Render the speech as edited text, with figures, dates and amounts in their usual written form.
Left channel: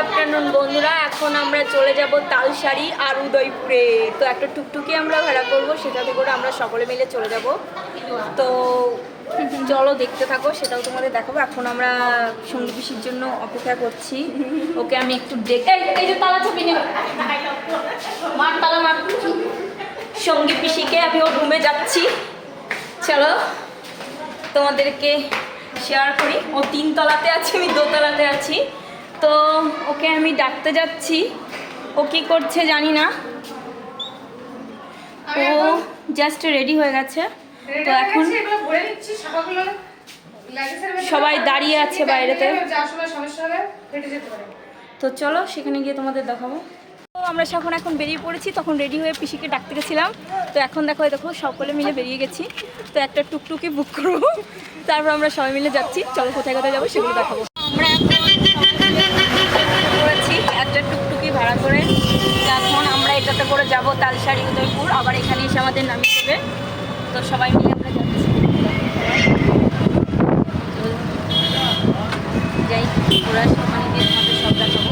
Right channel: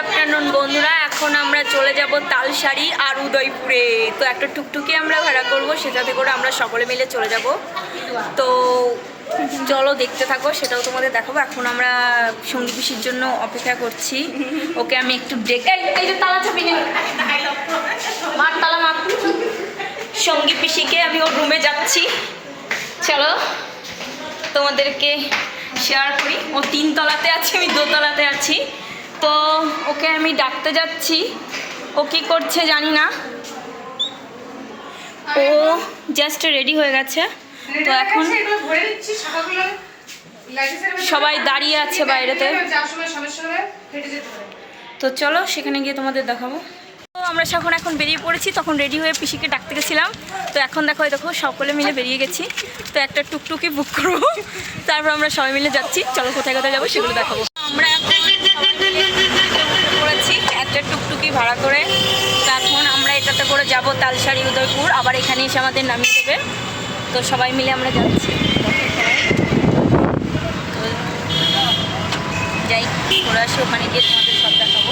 Afternoon বন্ধুরা, এখন আমরা চলে যাব তালসারি আর উদয়পুরে। তো একটা টুকটুকি আমরা ভাড়া করব, সেটাতে করে আমরা সকলে মিলে চলে যাব। তো চলো দেখতে থাকো, সেটাও তোমাদের দেখাবো। এখন আমরা সঙ্গী পিসির জন্য অপেক্ষা করছি। ওকে আমি একটু এই যে তালা চাবি নেই, মার তালা মার। সঙ্গী পিসিকে আমি ওর রুমে যাচ্ছি, চলো তোমাদেরকে শেয়ার করি। ও 3 তলাতে আছে, আমি 2 তলাতে আছি। তো ওকে আমি ডাকতে যাচ্ছি, ও কী করছে জানি না। ও জাস্ট রেডি হয়ে গেছে। তো এখন সবাই দাঁড়িয়ে আছে বাইরেতে। তো চলো সেখানে গিয়ে তোমাদের দেখাবো। তো আমরা এখন বেরিয়ে পড়েছি, তখন রেডি হয়ে পিসিকে ডাকতে গেছিলাম। তো এখন দেখো সকলে মিলে বেরিয়ে গেছি। তো একটা টুকটুকি বুক করবো, তারপর আমরা সবাই মিলে যাচ্ছি। চলো কোথায় কোথায় যাবো সেগুলো দেখাবো। আমরা এখন পড়েছি একটা টুকটুকি ভাড়া করে। তো এখন আমরা এটাতে করে যাব তালসারি উদয়পুর, আবার এখানে এসে আমাদের নামিয়ে দেবে। তো সবাই মিলে আমরা যাচ্ছি। তো যাই, ওরা এসে ওখানে গিয়ে তোমাদের সব দেখাবো।